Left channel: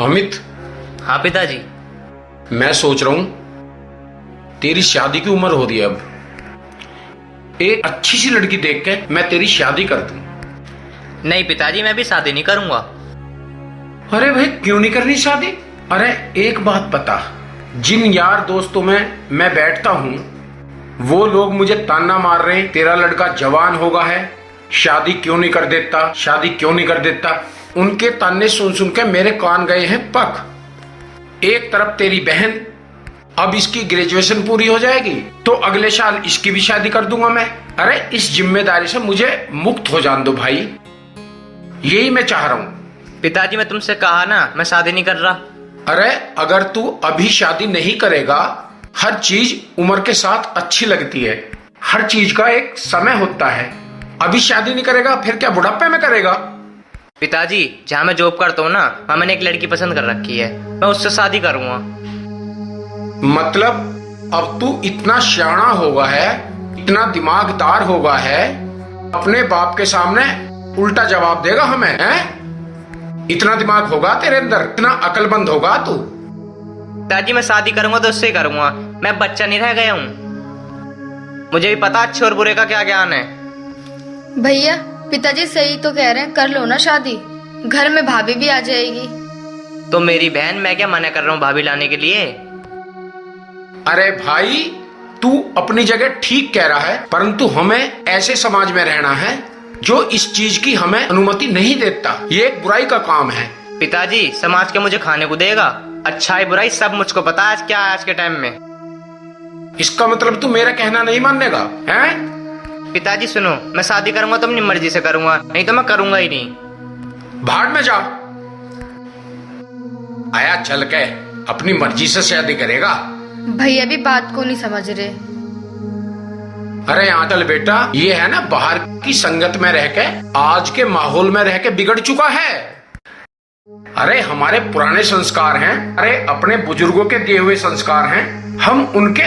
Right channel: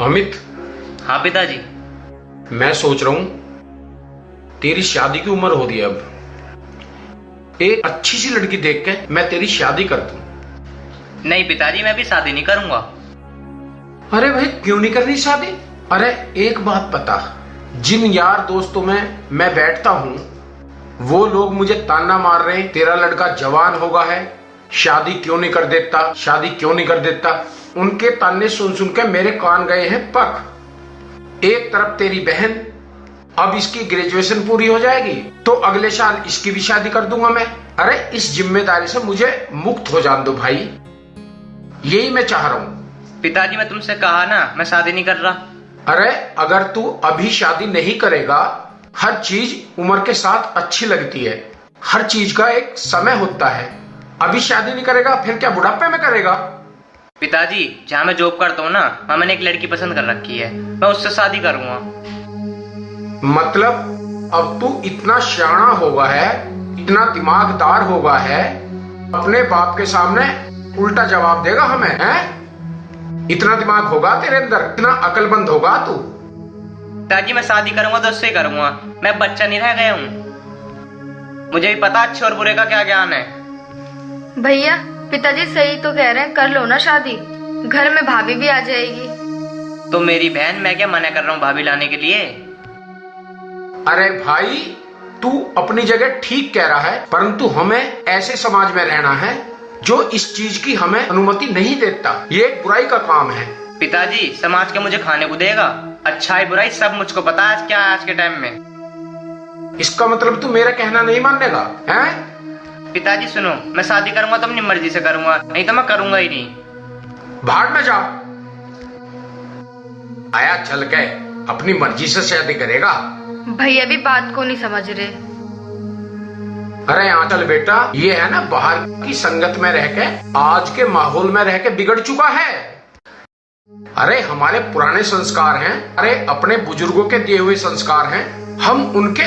अमित, हाँ पिताजी। मैं सोच रहा हूं तेरी शादी की उम्र हो रही है अब। एक अच्छी सी लड़की देख के मैं तेरी शादी कर दूं। नहीं पिताजी, मैं भी शादी नहीं करूंगा। अरे भाई, क्यों नहीं करनी शादी? अरे एक बात बता, जिन यार दोस्तों में मैं बैठता हूं वो लोग मुझे ताना मार रहे हैं, तेरा लड़का जवान हो गया है, शादी क्यों नहीं कर देता, शादी क्यों नहीं कर देता। उनके ताने सुन सुन के मेरे कान गए हैं पक। एक तरफ तेरी बहन, अब इसकी ग्रेजुएशन पूरी हो जाएगी तो अगले साल इसकी भी शादी कर दूंगा मैं। अरे इस जिम्मेदारी से मुझे मुक्त हो जान दो भाई, यही मैं चाह रहा हूं। पिताजी मैं तुमसे कहा ना, मैं शादी नहीं कर रहा। अरे अगर तू अभी शादी नहीं करेगा, हर चीज उम्र के साथ अच्छी लगती है, हर चीज का एक समय होता है। अभी शादी नहीं करेगा फिर क्या बुढ़ापे में करेगा? पिताजी जहाँ मैं जॉब करता हूँ ना, वहाँ मैंने एक लड़की पसंद कर रखी है, मैं उससे शादी करूंगा। मतलब अब तू इतना सियाना होगा है, इतना दिमागदार होगा है, अपने बाप के सामने उल्टा जवाब देगा हमें, हैं? इतना दिमाग होगा तेरे अंदर, इतना अकलमंद होगा तू? पिताजी मैं शादी करूंगा तो उससे ही करूंगा, मैं बच्चा नहीं रह गया हूँ। मुझे भी पता अच्छे और बुरे का क्या ज्ञान है। भैया पिताजी सही तो कह रहे हैं, कर लो ना शादी, घर में भाभी भी आ जाएगी। तो मेरी बहन, मैं क्या मना कर रहा हूँ भाभी लाने के लिए? अरे भाई, तू अपनी जगह ठीक कह रहा है, परंतु हमें ऐसे समाज में रहना है जो इस चीज की हमें अनुमति नहीं देता। ये एक बुराई का काम है। पिताजी समाज के मुझे खाने को देगा, अच्छाई बुराई सब मुझको पता है क्या आज के टाइम में। इसका मतलब तू मेरा कहना नहीं मानेगा, हैं? पिताजी सुनो, मैं शादी करूंगा तो अपनी मर्जी से करूंगा, नहीं तो मैं करूंगा ही नहीं। भाड़ में जा। आया चल के अपनी मर्जी से शादी करेगा। भैया भी बात को नहीं समझ रहे। अरे यहाँ चल बेटा, ये है ना बाहर की संगत में रह के, आज के माहौल में रह के बिगड़ चुका है। अरे हमारे पुराने संस्कार हैं, अरे अपने बुजुर्गों के दिए हुए संस्कार हैं, हम उनके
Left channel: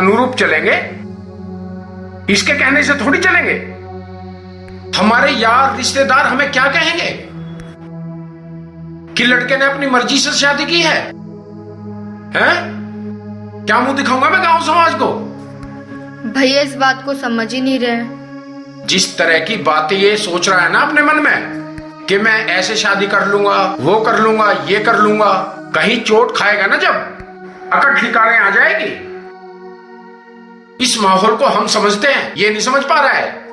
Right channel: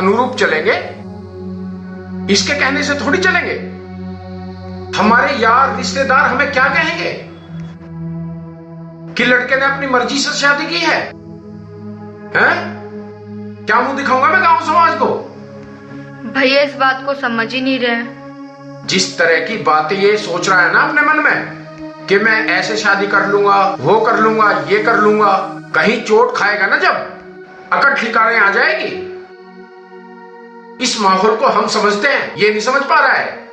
अनुरूप चलेंगे, इसके कहने से थोड़ी चलेंगे। हमारे यार रिश्तेदार हमें क्या कहेंगे कि लड़के ने अपनी मर्जी से शादी की है, हैं? क्या मुंह दिखाऊंगा मैं गांव समाज को? भैया इस बात को समझ ही नहीं रहे। जिस तरह की बातें ये सोच रहा है ना अपने मन में कि मैं ऐसे शादी कर लूंगा, वो कर लूंगा, ये कर लूंगा, कहीं चोट खाएगा ना जब अकड़ ठिकाने आ जाएगी। इस माहौल को हम समझते हैं, ये नहीं समझ पा रहा है।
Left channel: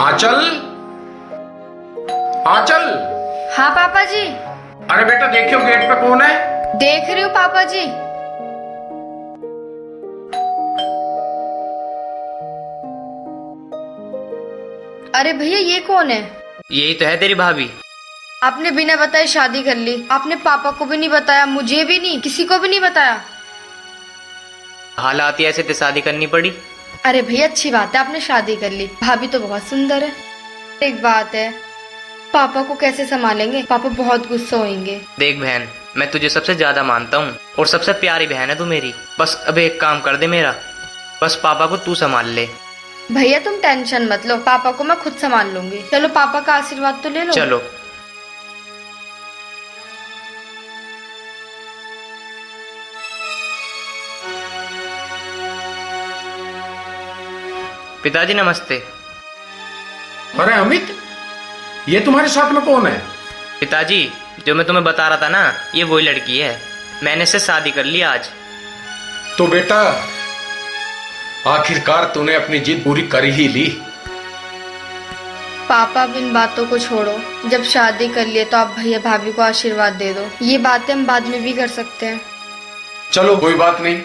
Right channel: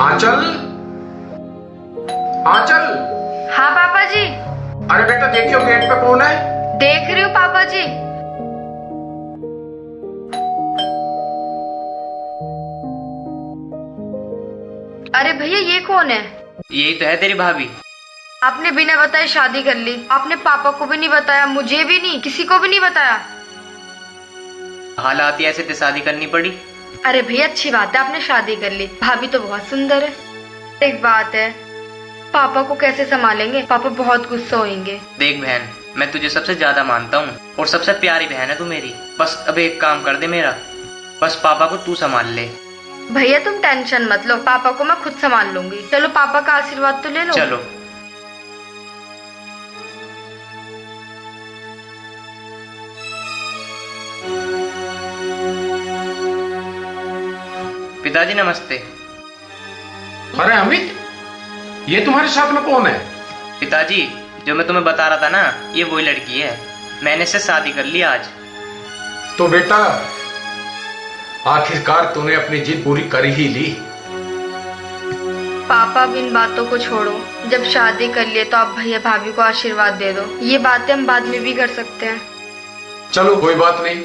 आंचल, आंचल। हाँ पापा जी। अरे बेटा देखियो गेट पे कौन है? देख रही हूँ पापा जी। अरे भैया ये कौन है? यही तो है तेरी भाभी। आपने बिना बताए शादी कर ली, आपने पापा को भी नहीं बताया, मुझे भी नहीं, किसी को भी नहीं बताया। हालात ही ऐसे थे, शादी करनी पड़ी। अरे भैया अच्छी बात है आपने शादी कर ली, भाभी तो बहुत सुंदर है। एक बात है, पापा को कैसे संभालेंगे? पापा बहुत गुस्सा होंगे। देख बहन, मैं तुझे सबसे ज्यादा मानता हूँ और सबसे प्यारी बहन है तू मेरी। बस अब एक काम कर दे मेरा, बस पापा को तू संभाल ले। भैया तुम टेंशन मत लो, पापा को मैं खुद संभाल लूंगी। चलो पापा का आशीर्वाद तो ले लो। चलो। पिताजी नमस्ते। अरे अमित, ये तुम्हारे साथ में कौन है? पिताजी जो मैं तुम्हें बता रहा था ना, ये वही लड़की है, मैंने इससे शादी कर ली आज। तो बेटा आखिरकार तूने अपनी जिद पूरी कर ही ली। पापा अब इन बातों को छोड़ो, जब शादी कर लिए तो आप भैया भाभी को आशीर्वाद दे दो। ये बातें हम बाद में भी कर सकते हैं। चलो कोई बात नहीं।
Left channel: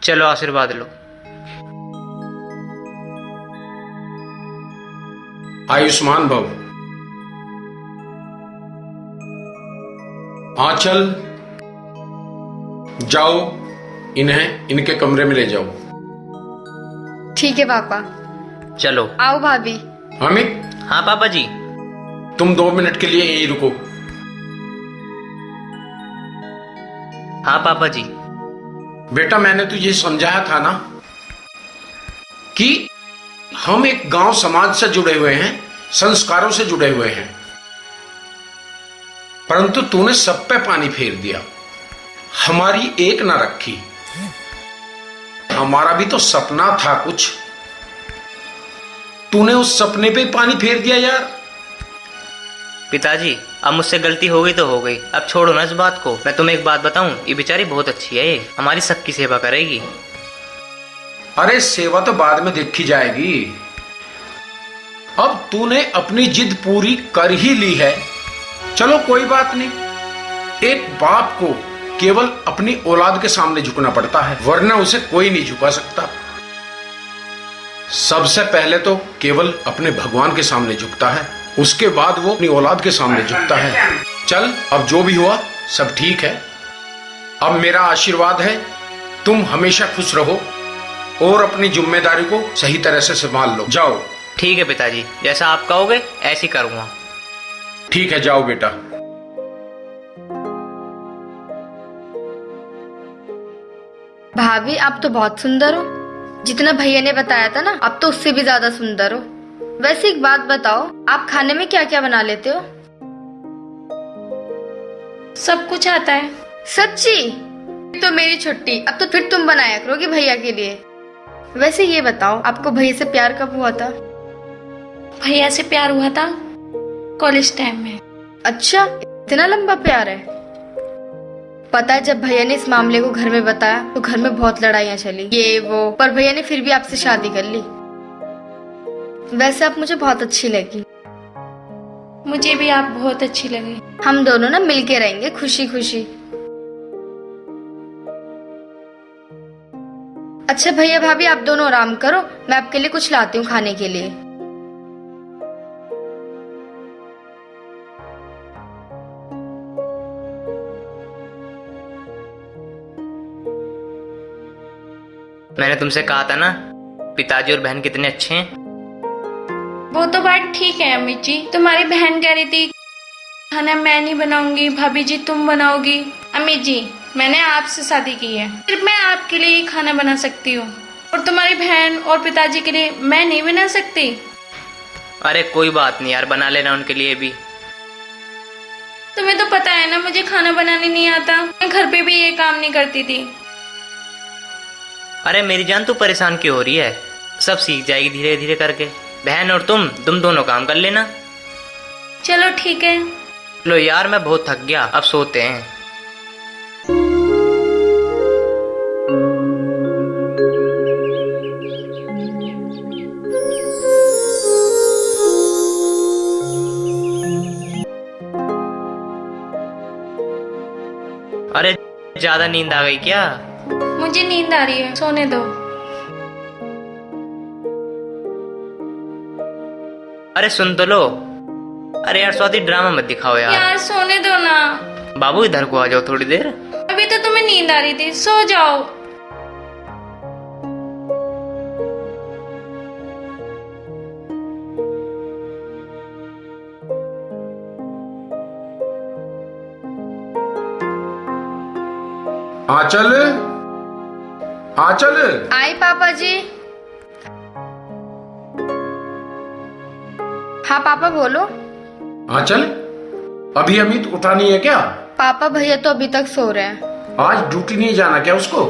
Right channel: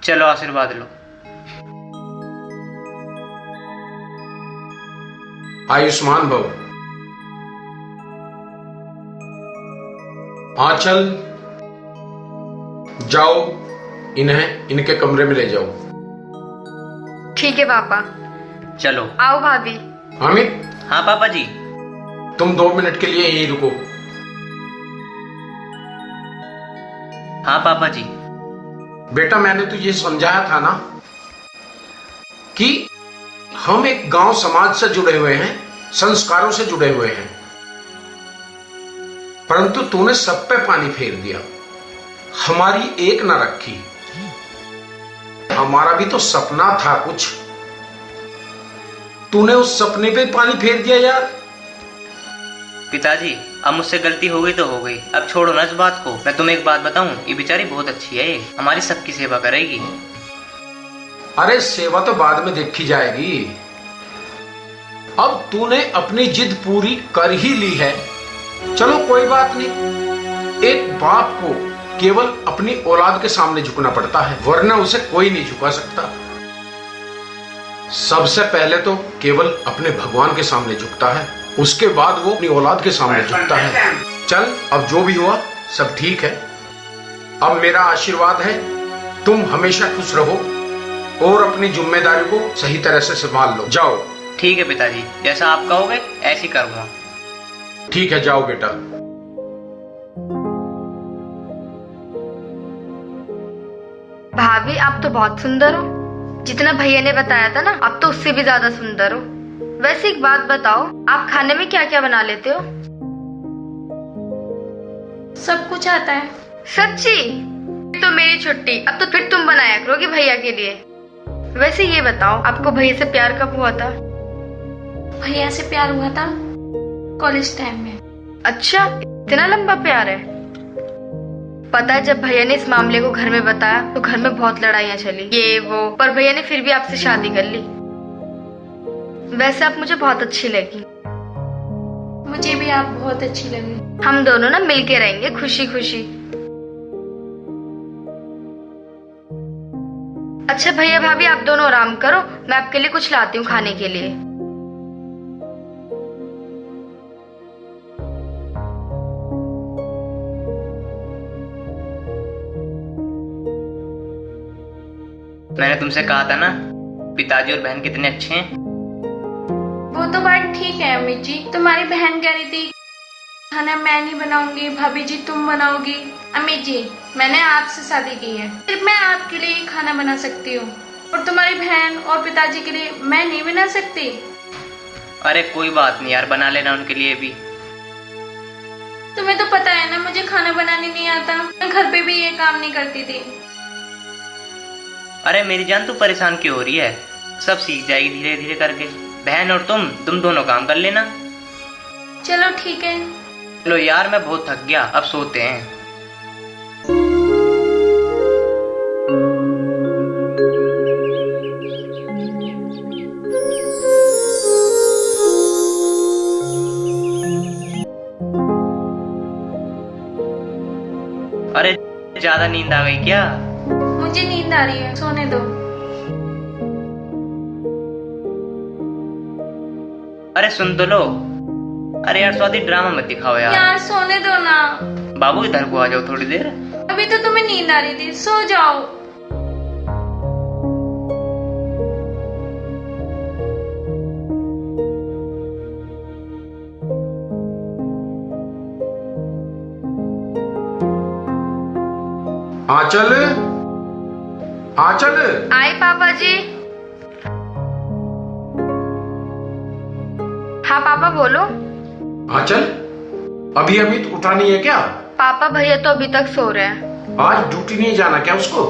चलो आशीर्वाद लो। आयुष्मान भव। आंचल, जाओ इन्हें इनके कमरे में ले जाओ। ठीक है पापा। चलो। आओ भाभी। अमित, हाँ पापा जी। तुम 2 मिनट के लिए यहीं रुको। हाँ पापा जी। बेटा मैंने तुझे समझाया था ना कि हम एक गांव समाज से जुड़े हुए हैं, संस्कारों से जुड़े हुए हैं, परंतु तूने सब पे पानी फेर दिया, हमारी एक ना रखी। हमारा भी तो सपना था कुछ, तूने उस सपने पे पानी फेर दिया यार। पिताजी अब मुझसे गलती हो गई तो हो गई, अब छोड़ो ना इस बात को। मैं तुम्हें एक बात बताऊं, ये बेचारी बहुत अच्छी है, ये हमारी सबकी सेवा करेगी। अरे सेवा तो बाद में देखी जाएगी, अब तूने अपनी जिद पूरी कर ही ली है, चलो कोई बात नहीं। एक बाप को केवल अपनी औलाद के सामने झुकना पड़ता है, वरना उसे कोई नहीं झुका सकता। सबसे पहले तो केवल अपने भगवान के सामने झुकता है, उसके बाद वो अपनी औलाद के सामने झुकता है। चल अब जो भी हुआ सब ठीक है, अब मेरा आशीर्वाद है तुम हमेशा खुश रहो और अपनी जिम्मेदारी को सही तरह से संभाल लो। जाओ। ठीक है पिताजी, जैसा आप कहोगे ऐसे ही करूँगा। ठीक है जाओ बेटा। भाभी आप तो बहुत सुंदर हो, जितना भैया ने बताया था ना आप तो उससे भी ज्यादा सुंदर हो। वैसे एक बात बताओ, आप खाने में क्या क्या बना लेते हो? सब कुछ आता है। सच्ची? तो मेरी छुट्टी, अब तो फिर तुम बनाया करोगी भैया के लिए। वैसे ये बताओ आपको भैया से प्यार कब हुआ था? भैया से प्यार हुआ था कॉलेज टाइम में। अच्छा, इतना लंबा प्यार है। पता है जब भैया ने इस मामले को घर में बताया तो घर में बहुत लड़ाइयाँ चली, ये वो, पर भैया ने फिर भी आपसे शादी कर ली। वैसे आप मुझे बहुत अच्छी लगी। मुझे भी आप बहुत अच्छी लगी। हम दोनों ना मिलके रहेंगे खुशी खुशी। अच्छा भैया भाभी आप दोनों आराम करो, मैं आपके लिए कुछ लाती हूँ खाने के लिए। मैंने तुमसे कहा था ना पिताजी और बहन कितने अच्छे हैं। वो तो बात ठीक है अम्मी जी, तुम्हारी बहन कह रही थी खाना मैं नहीं बनाऊंगी, भाभी जी तुम बनाओगी। अम्मी जी मैंने आपसे शादी की है, सिर्फ मैं आपके लिए ही खाना बना सकती हूँ, और तुम्हारी बहन और पिताजी के लिए मैं नहीं बना सकती। अरे कोई बात नहीं यार, बना लेना उनके लिए भी। तुम्हें तो पता है ना मुझे खाना बनाने नहीं आता, मैं घर पे भी ये काम नहीं करती थी। अरे मेरी जान तू परेशान क्यों हो रही है, सब सीख जाएगी धीरे धीरे करके। बहन और तुम दोनों काम कर लेना। चलो ठीक है। लो यार मैं बहुत थक गया, अब सोते हैं। अरे ज्यादा नींद आ गई क्या? मुझे नींद आ रही है, सोने दो। अरे सुन तो लो। अरे यार स्वाति ड्रामा मत दिखाओ यार। यार सोने दो ना। बाबू इधर को आ जाओ थोड़ी देर। अभी तो तुम्हें नींद आ रही थी, सो जाओ। आंचल, आंचल। आई पापा जी। हाँ पापा बोलो। आंचल, अभी अमित उठा नहीं है क्या? पापा भैया तो अभी तक सो रहे हैं। आज ड्यूटी नहीं जाना क्या उसको?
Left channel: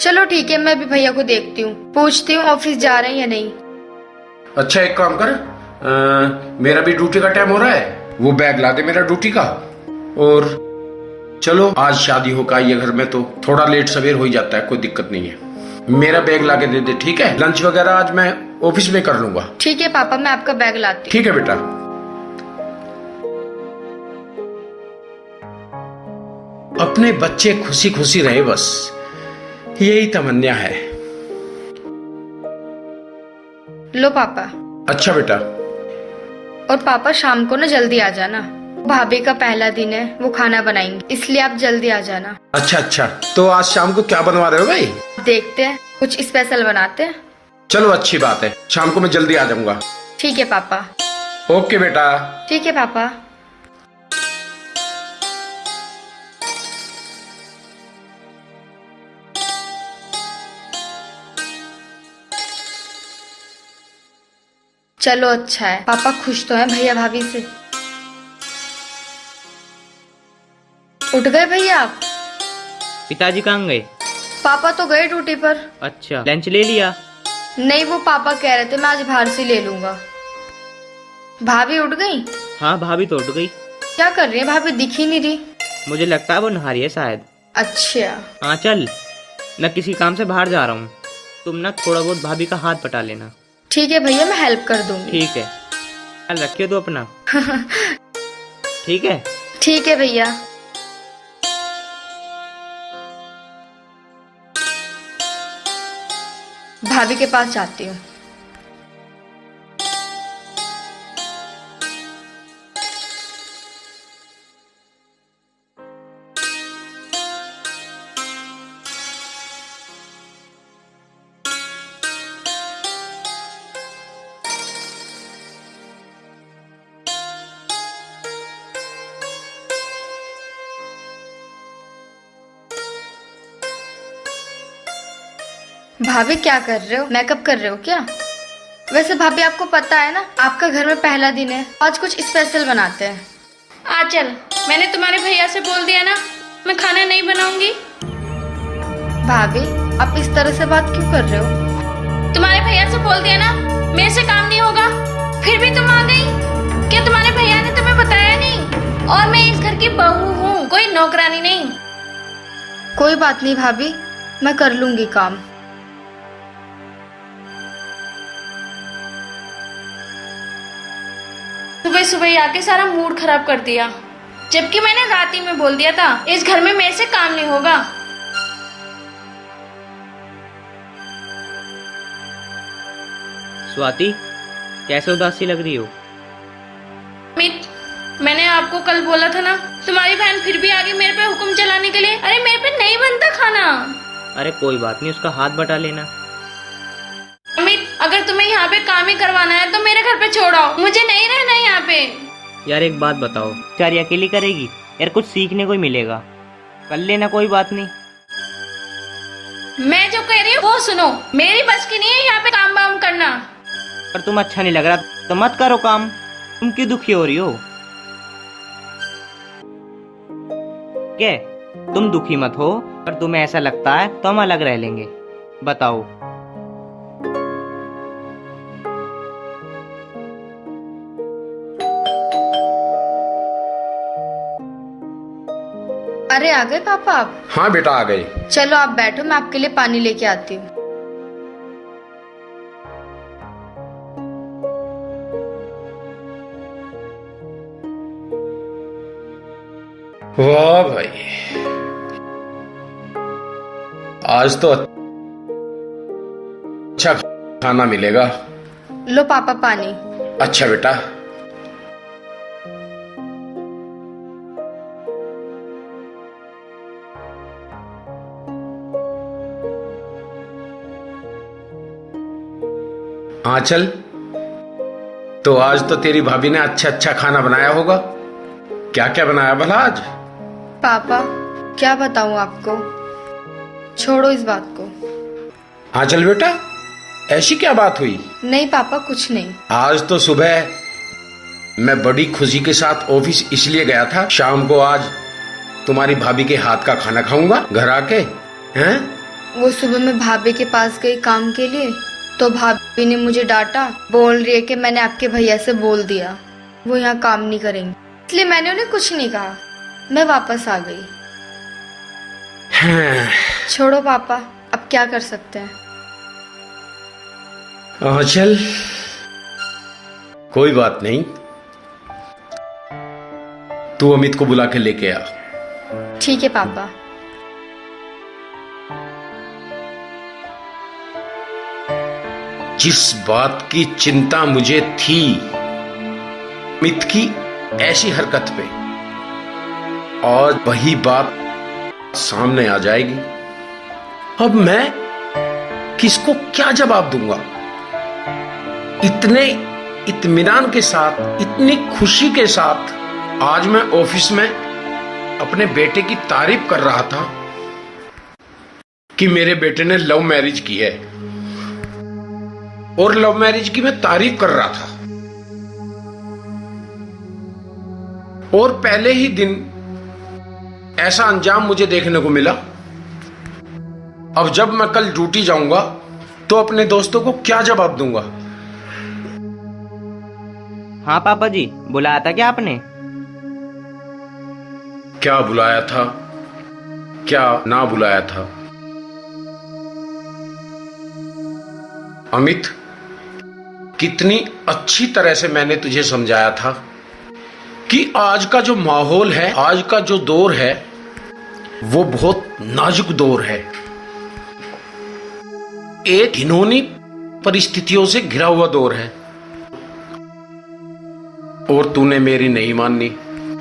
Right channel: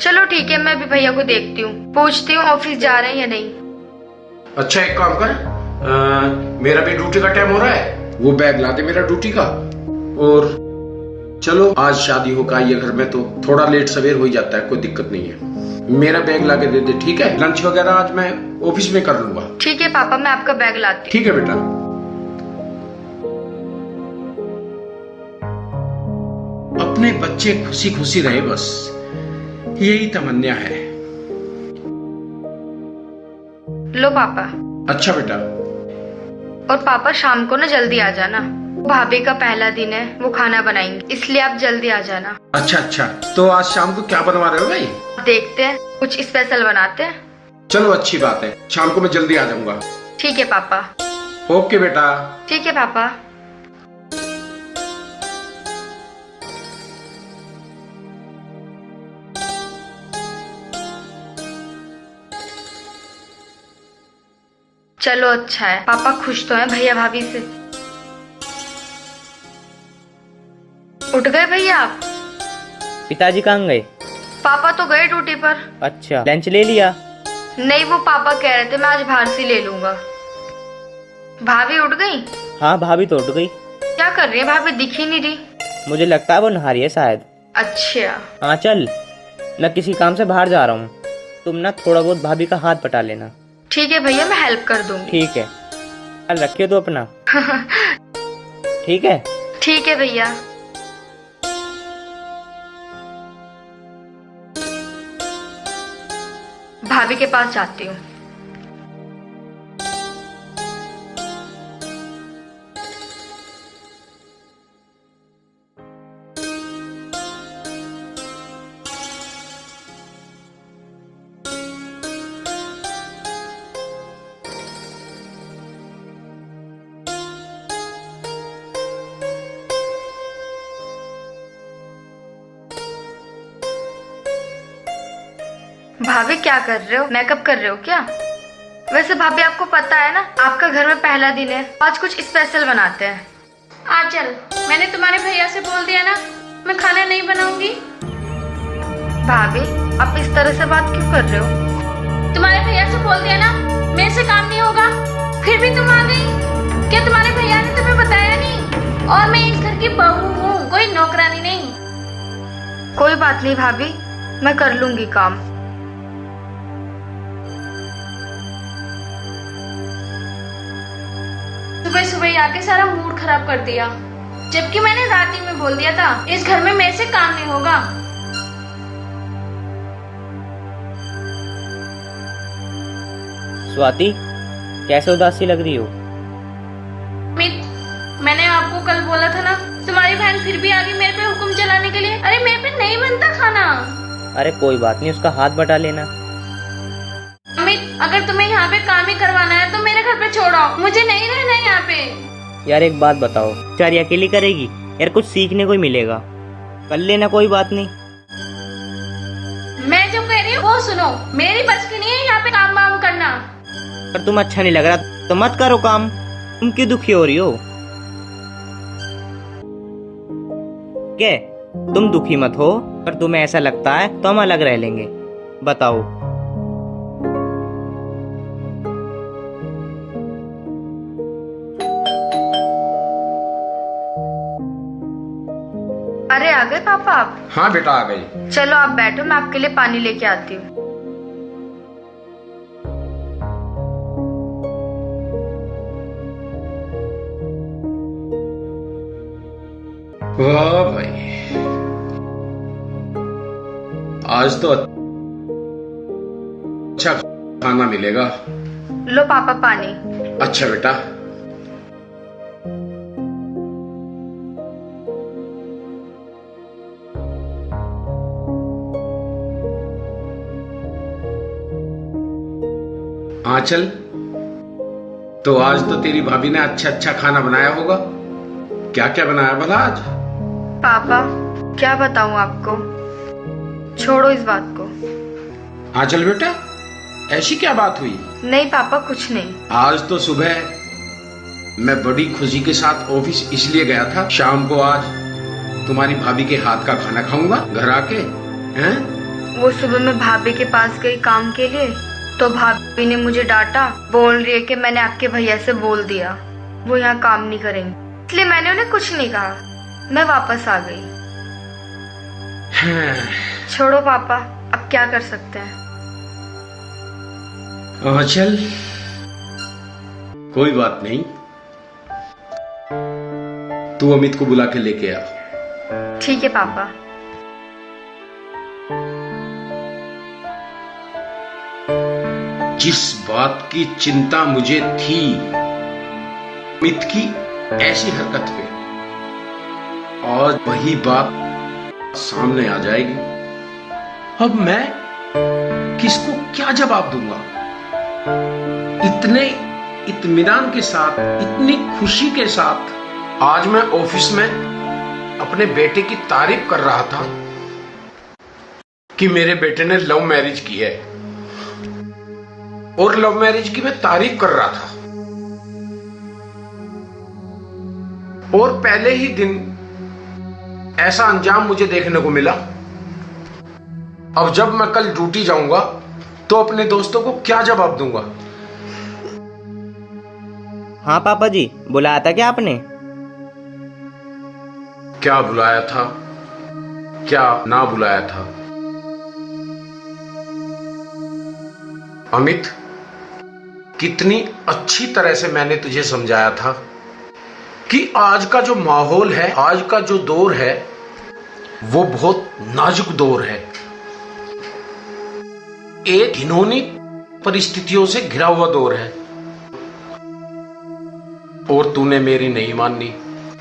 चलो ठीक है, मैं भी भैया को देखती हूँ, पूछती हूँ ऑफिस जा रहे हैं या नहीं। अच्छा एक काम कर, मेरा भी ड्यूटी का टाइम हो रहा है, वो बैग ला दे मेरा ड्यूटी का। और चलो आज शादी होकर आई है घर में तो थोड़ा लेट सवेर हो ही जाता है, कोई दिक्कत नहीं है। मेरा बैग ला के दे दे, ठीक है? लंच वगैरह आज मैं ऑफिस में कर लूंगा। ठीक है पापा, मैं आपका बैग लाती हूँ। ठीक है बेटा। अपने बच्चे खुशी खुशी रहे, बस यही तमन्ना है। लो पापा। अच्छा बेटा। और पापा शाम को ना जल्दी आ जाना, भाभी का पहला दिन है, वो खाना बनाएंगे, इसलिए आप जल्दी आ जाना। अच्छा अच्छा, तो आज शाम को क्या बनवा रहे हो भाई? देखते हैं, कुछ स्पेशल बनाते हैं। चलो अच्छी बात है, शाम को मैं जल्दी आ जाऊंगा। ठीक है पापा। ओके बेटा। ठीक है पापा। चलो अच्छा है, पापा खुश तो हैं भैया भाभी से। उठ गए भैया आप? पिताजी कहाँ गए? पापा तो गए ड्यूटी पर। अच्छा, लंच ले लिया? नहीं, वो पापा कह रहे थे मैं आज बाहर से ले लूंगा। भाभी उठ गई? हाँ, भाभी तो उठ गई। क्या कर रही है भाभी, दिख ही नहीं रही। मुझे लगता है वो नहा रही है शायद। अच्छा। हाँ चल, मैं किसी काम से बाहर जा रहा हूँ, तुम ना थोड़ा बहुत भाभी का हाथ बटा लेना। ठीक है भैया, मैं हेल्प कर दूंगी। ठीक है, ख्याल रखियो तो अपना। ठीक है। ठीक है भैया। भाभी के पास जाती हूँ। भाभी क्या कर रहे हो, मेकअप कर रहे हो क्या? वैसे भाभी आपको पता है ना, आपका घर में पहला दिन है, आज कुछ स्पेशल बनाते हैं। आंचल, मैंने तुम्हारे भैया से बोल दिया ना, मैं खाना नहीं बनाऊंगी। भाभी आप इस तरह से बात क्यों कर रहे हो? तुम्हारे भैया से बोल दिया ना, मेरे से काम नहीं होगा, फिर भी तुम आ गई। क्या तुम्हारे भैया ने तुम्हें बताया नहीं? और मैं इस घर की बहू हूँ, कोई नौकरानी नहीं। कोई बात नहीं भाभी, मैं कर लूंगी काम। सुबह सुबह ही आके सारा मूड खराब कर दिया, जबकि मैंने रात ही में बोल दिया था इस घर में मेरे से काम नहीं होगा। स्वाति, कैसे उदासी लग रही हो? अमित, मैंने आपको कल बोला था ना, तुम्हारी बहन फिर भी आ गई मेरे पे हुक्म चलाने के लिए। अरे मेरे पे नहीं बनता खाना। अरे कोई बात नहीं, उसका हाथ बटा लेना। अमित, अगर तुम्हें यहाँ पे काम ही करवाना है तो मेरे घर पे छोड़ आओ, मुझे नहीं रहना यहाँ पे। यार एक बात बताओ, बेचारी अकेली करेगी? यार कुछ सीखने को ही मिलेगा, कर लेना, कोई बात नहीं। मैं जो कह रही हूँ वो सुनो, मेरी बस की नहीं है यहाँ पे काम वाम करना। पर तुम अच्छा नहीं लग रहा तो मत करो काम, तुम क्यों दुखी हो रही हो? क्या तुम दुखी मत हो, पर तुम्हें ऐसा लगता है तो हम अलग रह लेंगे, बताओ। अरे आ गए पापा आप? हाँ बेटा आ गए। चलो आप बैठो, मैं आपके लिए पानी लेके आती हूँ। वाह भाई, आज तो अच्छा खाना मिलेगा। लो पापा पानी। अच्छा बेटा। आंचल, तो आज तो तेरी भाभी ने अच्छा अच्छा खाना बनाया होगा। क्या क्या बनाया भला आज? पापा क्या बताऊं आपको, छोड़ो इस बात को। आंचल बेटा, ऐसी क्या बात हुई? नहीं पापा कुछ नहीं। आज तो सुबह मैं बड़ी खुशी के साथ ऑफिस इसलिए गया था, शाम को आज तुम्हारी भाभी के हाथ का खाना खाऊंगा घर आके। हैं? वो सुबह मैं भाभी के पास गई काम के लिए, तो भाभी ने मुझे डांटा, बोल रही है कि मैंने आपके भैया से बोल दिया वो यहाँ काम नहीं करेंगे, इसलिए मैंने उन्हें कुछ नहीं कहा, मैं वापस आ गई। छोड़ो पापा, अब क्या कर सकते हैं। चल कोई बात नहीं, तू अमित को बुला के लेके आ। ठीक है पापा। जिस बात की चिंता मुझे थी अमित की ऐसी हरकत पे, आज वही बात सामने आ जाएगी। अब मैं किसको क्या जवाब दूंगा? इतने इत्मीनान के साथ, इतनी खुशी के साथ आज मैं ऑफिस में अपने बेटे की तारीफ कर रहा था कि मेरे बेटे ने लव मैरिज की है। और लव मैरिज की मैं तारीफ कर रहा था, और पहले ही दिन ऐसा अंजाम मुझे देखने को मिला। अब जब मैं कल ड्यूटी जाऊंगा तो अपने दोस्तों को क्या जवाब दूंगा? हाँ पापा जी, बुलाया था क्या आपने? क्या बुलाया था, क्या ना बुलाया था? अमित, कितनी अच्छी तरह से मैंने तुझे समझाया था कि आज का जो माहौल है, आज का जो दौर है, वो बहुत नाजुक दौर है, एक घिनौनी परिस्थितियों से घिरा हुआ दौर है। और तूने मेरी नहीं मानी।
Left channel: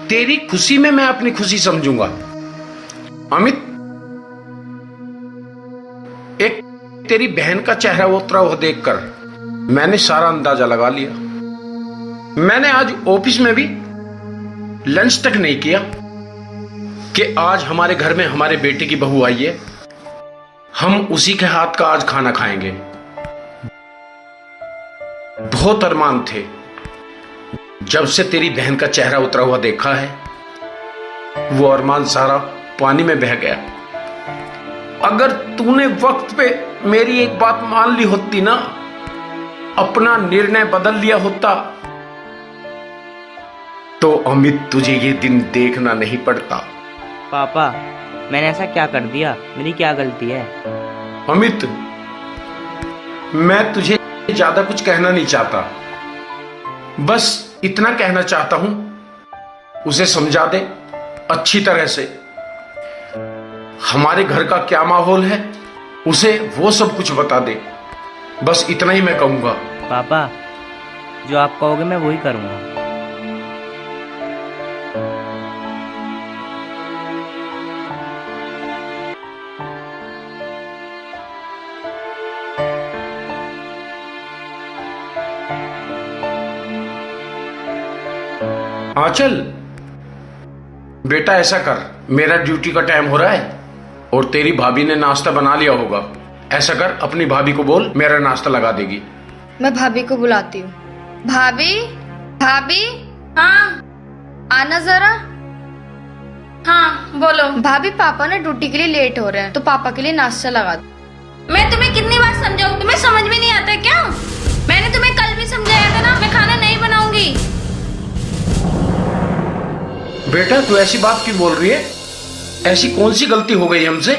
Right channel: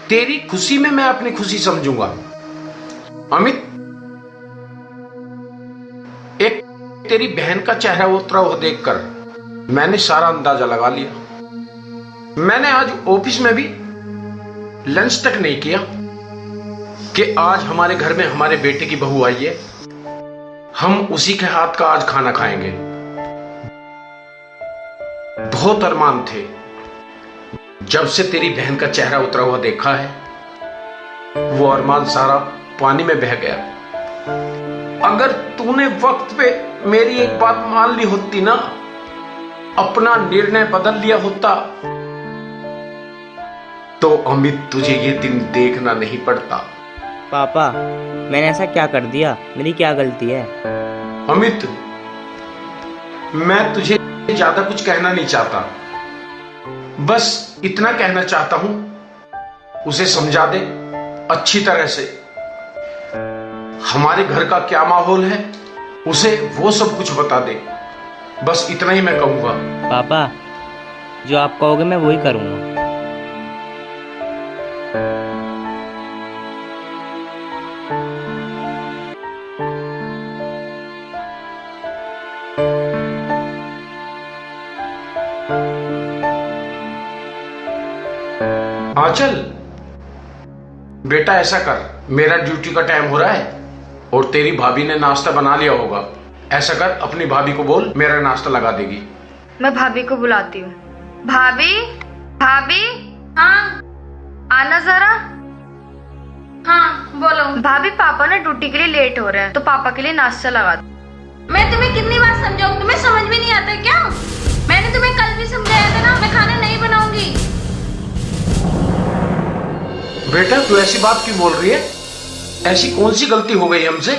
तेरी खुशी में मैं अपनी खुशी समझूंगा। अमित, एक तेरी बहन का चेहरा उतरा हुआ देखकर मैंने सारा अंदाजा लगा लिया। मैंने आज ऑफिस में भी लंच तक नहीं किया कि आज हमारे घर में हमारे बेटे की बहू आई है, हम उसी के हाथ का आज खाना खाएंगे। बहुत अरमान थे, जब से तेरी बहन का चेहरा उतरा हुआ देखा है, वो अरमान सारा पानी में बह गया। अगर तूने वक्त पे मेरी एक बात मान ली होती ना, अपना निर्णय बदल लिया होता, तो अमित तुझे ये दिन देखना नहीं पड़ता। पापा, मैंने ऐसा क्या कर दिया? मेरी क्या गलती है? अमित, मैं तुझे ज्यादा कुछ कहना नहीं चाहता, बस इतना कहना चाहता हूं, उसे समझा दे अच्छी तरह से। हमारे घर का क्या माहौल है, उसे वो सब कुछ बता दे। बस इतना ही मैं कहूंगा। पापा, जो आप कहोगे मैं वही करूंगा। आंचल, बेटा ऐसा कर, मेरा ड्यूटी का टाइम हो रहा है और तेरी भाभी ने नाश्ता बना लिया होगा। ऐसा कर, अपनी भाभी को बोल मेरा नाश्ता लगा देगी। मैं भाभी को बुलाती हूँ। भाभी, भाभी, हाँ आना जरा। हाँ बोलो। भाभी, पापा ना ड्यूटी के लिए लेट हो रहे हैं, तो पापा के लिए नाश्ता लगा दो। मैं तुम्हें कितनी बार समझाऊं, तुम्हें समझ में नहीं आता क्या? मैंने तुम्हें कल भी समझाया था ना, मैं खाना नहीं बनाऊंगी। बेटा, तू ऐसी बात क्यों बोल रही है? ऐसी कौन सी गलती हो गई हमसे?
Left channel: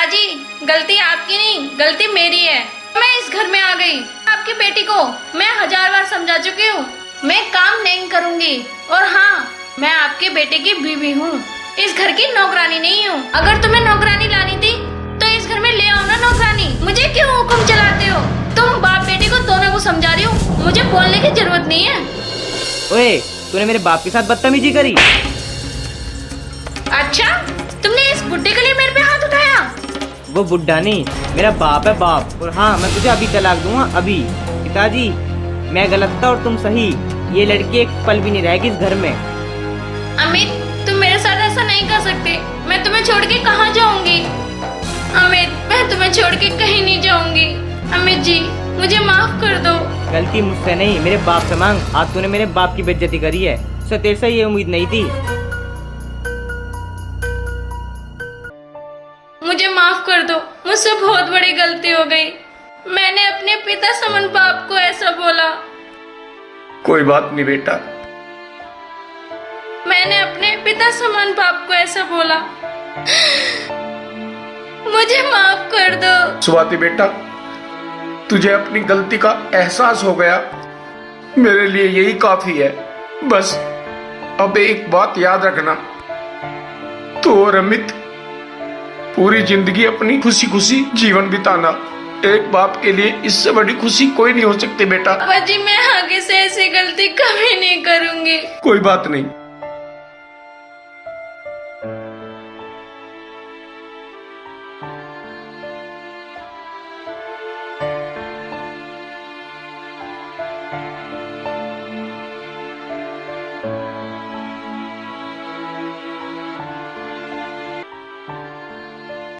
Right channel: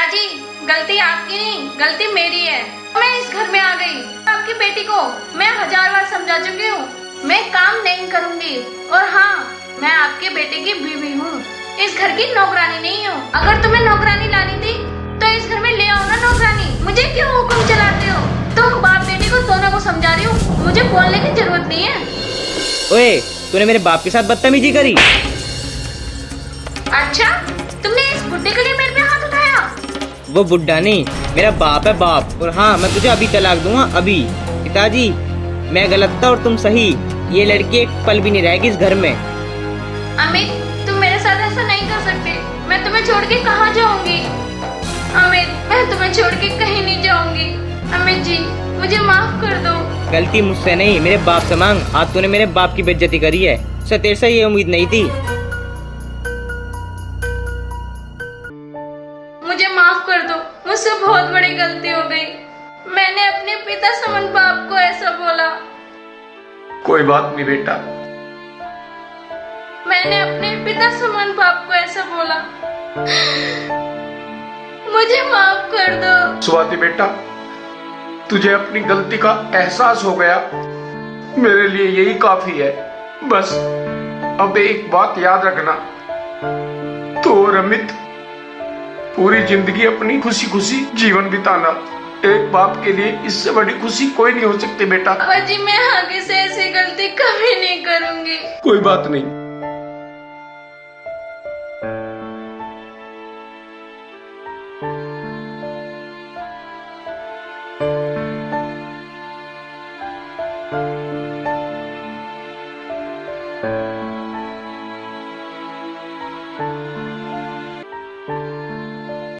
अजी, गलती आपकी नहीं, गलती मेरी है। मैं इस घर में आ गई, आपकी बेटी को मैं 1000 बार समझा चुकी हूँ, मैं काम नहीं करूँगी। और हाँ, मैं आपके बेटे की बीवी हूँ, इस घर की नौकरानी नहीं हूँ। अगर तुम्हें नौकरानी लानी थी तो इस घर में ले आओ ना नौकरानी। मुझे क्यों हुक्म चलाते हो? तुम बाप बेटे को दोनों को समझा रही हो, मुझे बोलने की जरूरत नहीं है। ओए, तूने मेरे बाप के साथ बदतमीजी करी। अच्छा, तुमने इस बुड्ढे के लिए मेरे पे हाथ उठाया? वो बुड्ढा नहीं, मेरा बाप है, बाप। और हाँ, मैं तुझे अभी तलाक दूंगा, अभी। पिताजी, मैं गलत था और तुम सही। ये लड़की एक पल भी नहीं रहेगी इस घर में। अमित, तुम मेरे साथ ऐसा नहीं कर सकते। मैं तुम्हें छोड़ के कहाँ जाऊंगी? अमित, मैं तुम्हें छोड़ के कहीं नहीं जाऊंगी। अमित जी, मुझे माफ कर दो। गलती मुझसे नहीं, मेरे बाप से मांग। आज तूने मेरे बाप की बेइज्जती करी है, उसे तेरे से ये उम्मीद नहीं थी। मुझे माफ कर दो, मुझसे बहुत बड़ी गलती हो गई। मैंने अपने पिता समान बाप को ऐसा बोला। कोई बात नहीं बेटा, मैंने अपने पिता समान बाप को ऐसा बोला। मुझे माफ कर दो। स्वाति बेटा, तुझे अपनी गलती का एहसास हो गया, मेरे लिए यही काफी है। बस अब एक बात याद रखना, तो और अमित पूरी जिंदगी अपनी खुशी खुशी जीवन बिताना। एक बाप के लिए इससे बड़ी खुशी कोई नहीं हो सकती बेटा। पापा जी, मैं आगे से ऐसी गलती कभी नहीं करूंगी। कोई बात नहीं,